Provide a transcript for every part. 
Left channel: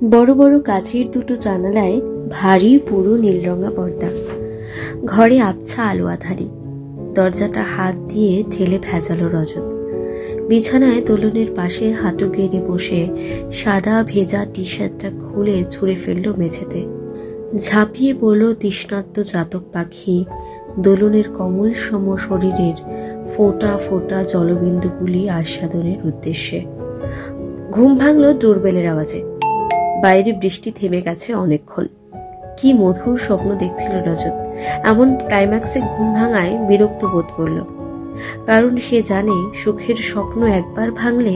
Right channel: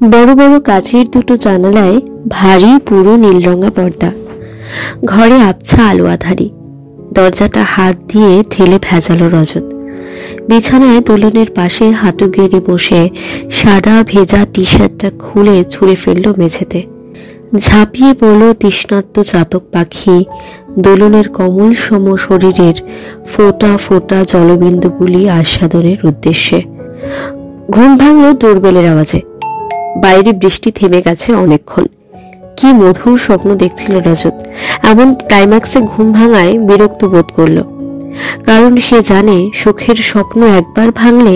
বড় বড় কাচের দুটো জানালায় ভারী পুরো নীলরঙা পর্দা। ঘরে আবছা আলো আধারি। দরজাটা হাত দিয়ে ঠেলে ভেজালো রজত। বিছানায় দোলনের পাশে হাঁটু গেড়ে বসে সাদা ভেজা টি শার্টটা খুলে ছুঁড়ে ফেলল মেঝেতে। ঝাঁপিয়ে পড়ল তৃষ্ণার্ত চাতক পাখি দোলনের কমল সম শরীরের ফোঁটা ফোঁটা জলবিন্দুগুলি আস্বাদনের উদ্দেশ্যে। ঘুম ভাঙল ডোরবেলের আওয়াজে। বাইরে বৃষ্টি থেমে গেছে অনেকক্ষণ। কি মধুর স্বপ্ন দেখছিল রজত। এমন ক্লাইম্যাক্সে ঘুম ভাঙায় বিরক্ত বোধ করল, কারণ সে জানে সুখের স্বপ্ন একবার ভাঙলে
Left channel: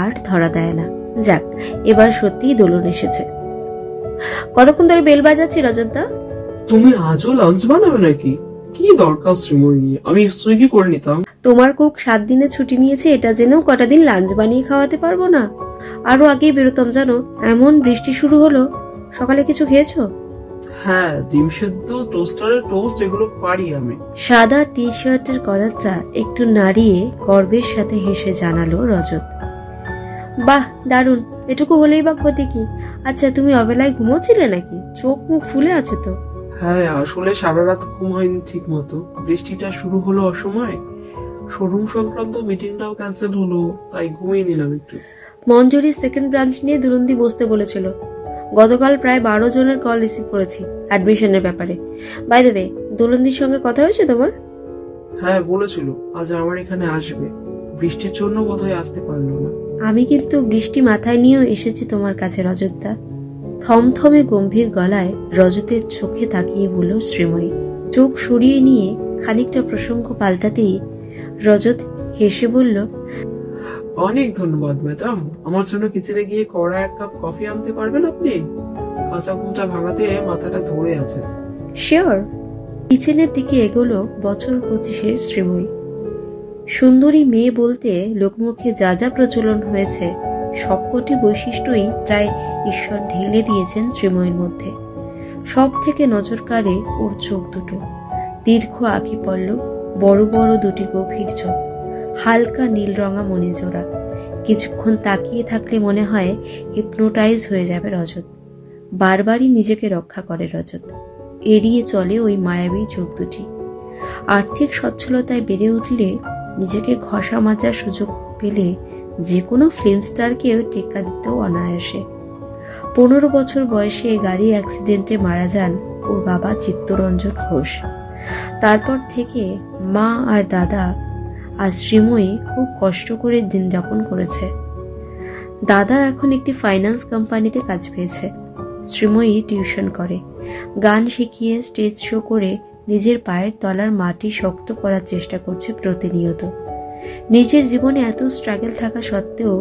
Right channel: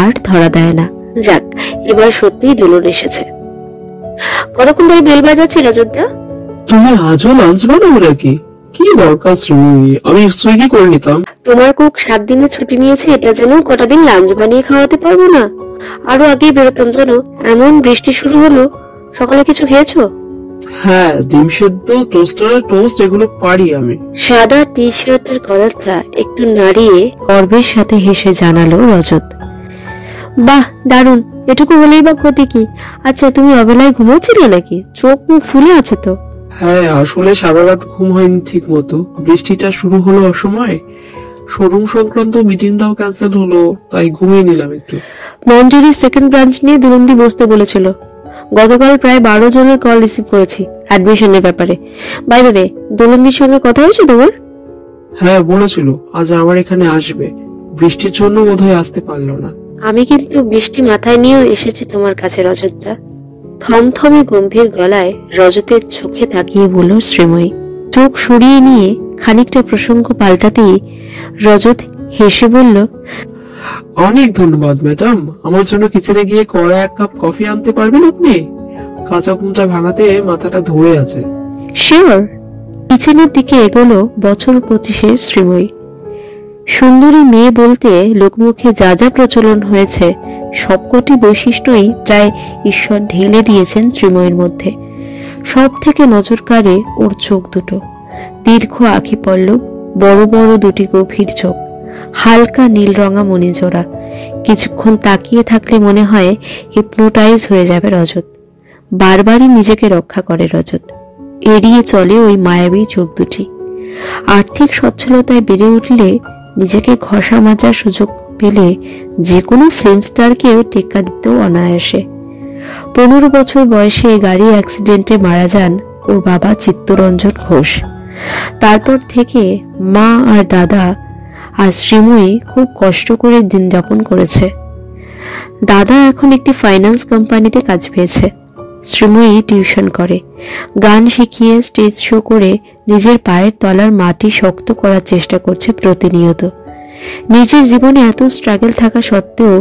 আর ধরা দেয় না। যাক, এবার সত্যিই দোলন এসেছে। কতক্ষণ ধরে বেল বাজাচ্ছি রজতদা? তুমি আজও লাঞ্চ বানাবো নাকি? কি দরকার শ্রীময়ী, আমি সুইগি করে নিতাম। তোমার কুক 7 দিনের ছুটি নিয়েছে, এটা যেন কটা দিন লাঞ্চ বানিয়ে খাওয়াতে পারবো না? আরো আগেই বেরোতাম জানো। এমন বৃষ্টি শুরু হলো। সকালে কিছু খেয়েছো? হ্যাঁ, ডিম সেদ্ধ, টোস্টারের টোস্ট, এগুলো পারি আমি। সাদা টি শার্টের কলারটা একটু নাড়িয়ে গর্বের সাথে হেসে জানালো রজত। বাহ, দারুণ। এটুকু হলেই বা ক্ষতি কি? আচ্ছা, তুমি অবেলায় ঘুমোচ্ছিলে নাকি? চোখ মুখ ফুলে আছে তো। হ্যাঁ, আসলে সারা রাত ঘুম হয়নি ঠিক মতো। বৃষ্টিটা শুরু হলো অসময়ে। শোরুম সংক্রান্ত মিটিংটাও ক্যান্সেল হলো, তাই ঘুমিয়ে নিলাম একটু। মঞ্জুরির সেকেন্ড ব্রাঞ্চ নিয়ে দুরন্দি বসতে বলেছিল। গতকাল প্রায় 12 জনের কল রিসিভ করেছি অ্যাডমিশনের ব্যাপারে। বাইরে রে, দোলন্দির সঙ্গে কথা হয়েছে তোমার? হ্যাঁ, বলেছিল আজ আমার এখানে আসবে। বৃষ্টির জন্য বোধহয় আসতে পারলো না। আমি কিন্তু বৃষ্টি মাথায় নিয়েও এসেছি তোমার কাছে রজতদা। থমথমে গম্ভীর গলায় রজতের চোখে তাকিয়ে বলল শ্রীময়ী। চোখ সরিয়ে নিয়ে খানিকটা প্রসঙ্গ পাল্টাতেই রজত হেসে বলল, অনেক ধন্যবাদ ম্যাডাম। আমার জন্য কিচেনে গিয়ে কড়া 1 কাপ কফি আনতে পারবেন আপনি? কাঁচা ঘুমটা ভাঙাতে মাথাটা ধরে আছে। শিওর। কিচেনের দিকে এগোলো বছর 25-এর শ্রীময়ী। সুন্দরী মেয়ে বলতে লোকমুখে যা যা প্রচলন হয়েছে সবকটি বৈশিষ্ট্যই প্রায় ঈশ্বর ঢেলে দিয়েছেন শ্রীময়ীর মধ্যে। সব থেকে নজর কাড়ে ওর চোখ দুটো। দীর্ঘ আঁখি পল্লব, বড় বড় দুটি গভীর চোখ, হালকা নীল রঙা মণিজোড়া। কিছুক্ষণ তাকিয়ে থাকলে মনে হয় হিপনোটাইজ হয়ে যাবে রজত। বারবারই নিজেকে রক্ষা করে রজত। এড়িয়ে চলে ওই মায়াবী চোখ দুটি। আর্থিক সচ্ছলতায় বেড়ে উঠলে, নিজেকে ঘষা মাজার সুযোগ পেলে যে কোনো ফিল্ম স্টারকেও টেক্কা দিতেও অনায়াসে। 15 বছর বয়সে গাড়ি অ্যাক্সিডেন্টে মারা যান ওর বাবা চিত্তরঞ্জন ঘোষ। তারপর থেকে মা আর দাদা আর শ্রীময়ী খুব কষ্ট করে দিন যাপন করেছে। দাদা এখন একটি ফাইন্যান্স কোম্পানিতে কাজ পেয়েছে। শ্রীময়ী টিউশন করে, গান শিখিয়ে স্টেজ শো করে নিজের পায়ের তলার মাটি শক্ত করার চেষ্টা করছে প্রতিনিয়ত। নিজের জীবনে এত স্ট্রাগল থাকা সত্ত্বেও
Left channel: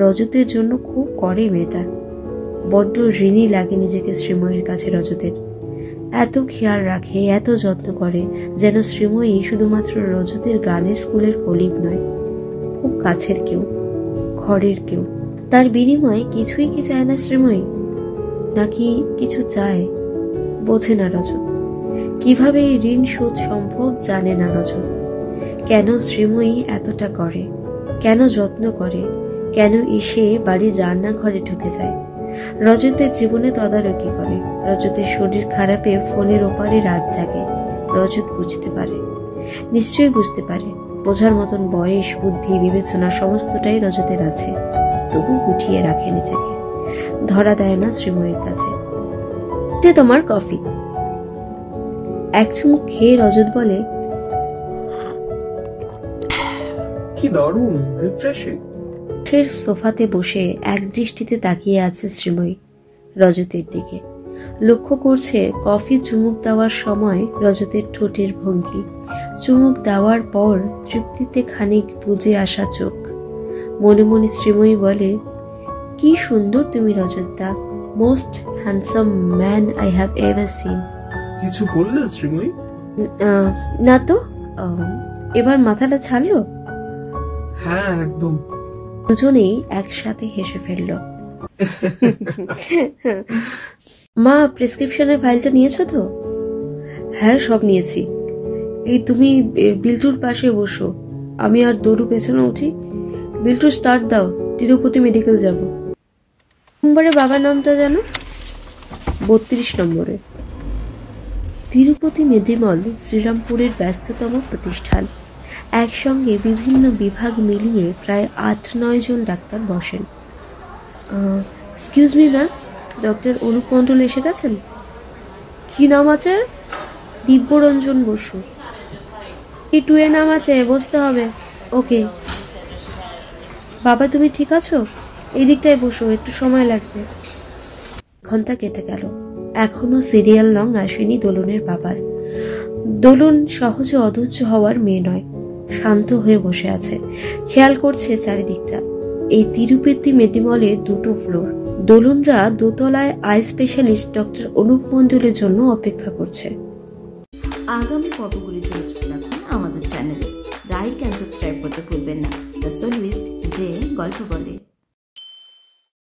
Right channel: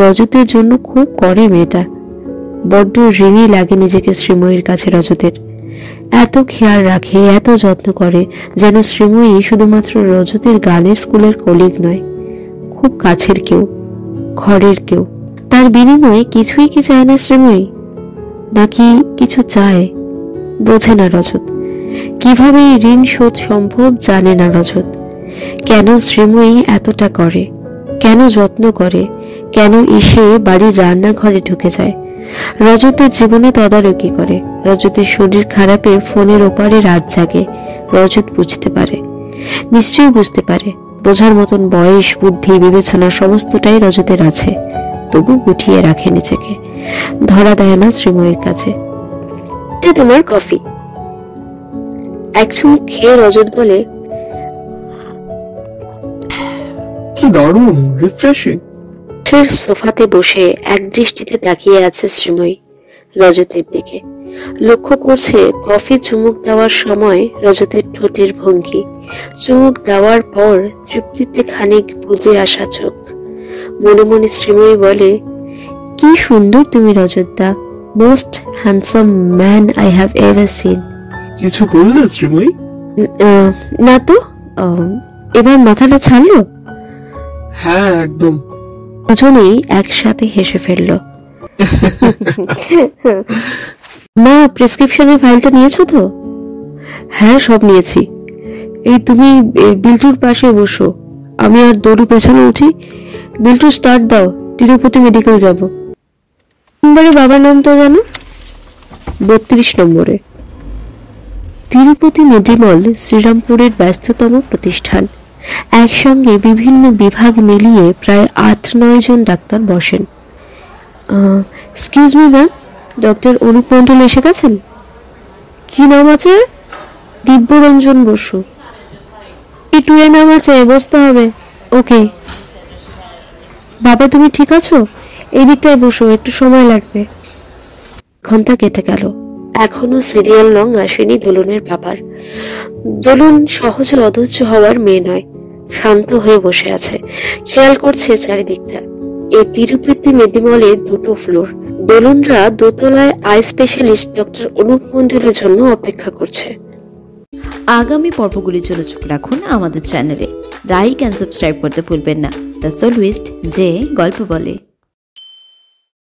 রজতের জন্য খুব করে মেয়েটা। বড্ড ঋণী লাগে নিজেকে শ্রীময়ীর কাছে রজতের। এত খেয়াল রাখে, এত যত্ন করে, যেন শ্রীময়ী শুধুমাত্র রজতের গানের স্কুলের কলিগ নয়, খুব কাছের কেউ, ঘরের কেউ। তার বিনিময়ে কিছুই কি চায় না শ্রীময়ী? নাকি কিছু চায়? বোঝে না রজত। কিভাবে ঋণ শোধ সম্ভব জানে না রজত। কেন শ্রীময়ী এতটা করে, কেন যত্ন করে, কেন এসে বাড়ির রান্নাঘরে ঢুকে যায়, রজতের জীবনে তদারকি করে, রজতের শরীর খারাপে ফোনের ওপারে রাত জাগে। রজত বুঝতে পারে, নিশ্চয়ই বুঝতে পারে। বোঝার মতন বয়স, বুদ্ধি, বিবেচনা সমস্তটাই রজতের আছে, তবু গুটিয়ে রাখে নিজেকে, ধরা দেয় না শ্রীময়ীর কাছে। যে তোমার কফি। এক চুমুক খেয়ে রজত বলে, কি দারুণ, রিফ্রেশিং। ফের সোফাতে বসে এক দৃষ্টিতে তাকিয়ে আছে শ্রীময়ী রজতের দিকে। লক্ষ্য করছে কফি চুমুক দেওয়ার সময় রজতের ঠোঁটের ভঙ্গি, চুমুক দেওয়ার পর তৃপ্তিতে খানিক বুঝে আসা চোখ। মনে মনে শ্রীময়ী বলে, কি সুন্দর তুমি রজতদা, most handsome man I have ever seen. কিছু বললে শ্রীময়ী? না তো। এবার মাথাটা ছাড়লো? হ্যাঁ, একদম। দুজনেই একসাথে হেসে ফেলল। মা, প্রেসক্রিপশনের ফাইলটা নিয়েছো তো? হ্যাঁ, সব নিয়েছি। এই তুমি বিল্টুর পাশে বসো, আমি আর দড়ু পেছনে উঠি। বিল্টু, স্টার্ট দাও, তিরুপতি মেডিকেল যাব। নম্বরে বাবার নাম তো জানো? 32 নম্বরে। তিরুপতি মেডিমল শ্রীরামপুরের ব্যস্ততম প্রতিষ্ঠান। একসঙ্গে বিভিন্ন বিভাগ মিলিয়ে প্রায় 8-9 জন ডাক্তার বসেন। Excuse me ma'am, doctor Anup Mondal এসে গেছেন? কি নাম আছে? দিব্যরঞ্জন বসু। E2 এর নাম আছে, বসতে হবে। ওকে। বাবা তুমি ঠিক আছো? এই দিকটায় বসো, একটু সময় লাগবে। ঘন্টা কেটে গেল, এখনো সিরিয়াল নং আসেনি দোলনের বাবার। দোলন সহজে অধৈর্য হওয়ার মেয়ে নয়, শান্ত হয়ে বসে আছে, খেয়াল করছে চারিদিকটা। এই তিরুপতি মেডিমলে 2টো ফ্লোর। দোলনরা দোতলায় আই স্পেশালিস্ট ডক্টর অনুপ মণ্ডলের জন্য অপেক্ষা করছে। আগামী পর্বগুলির জন্য চোখ রাখুন আমাদের চ্যানেলে। লাইক অ্যান্ড সাবস্ক্রাইব করতে ভুলবেন না। দ্য সলুইস্ট যে গল্প বলে।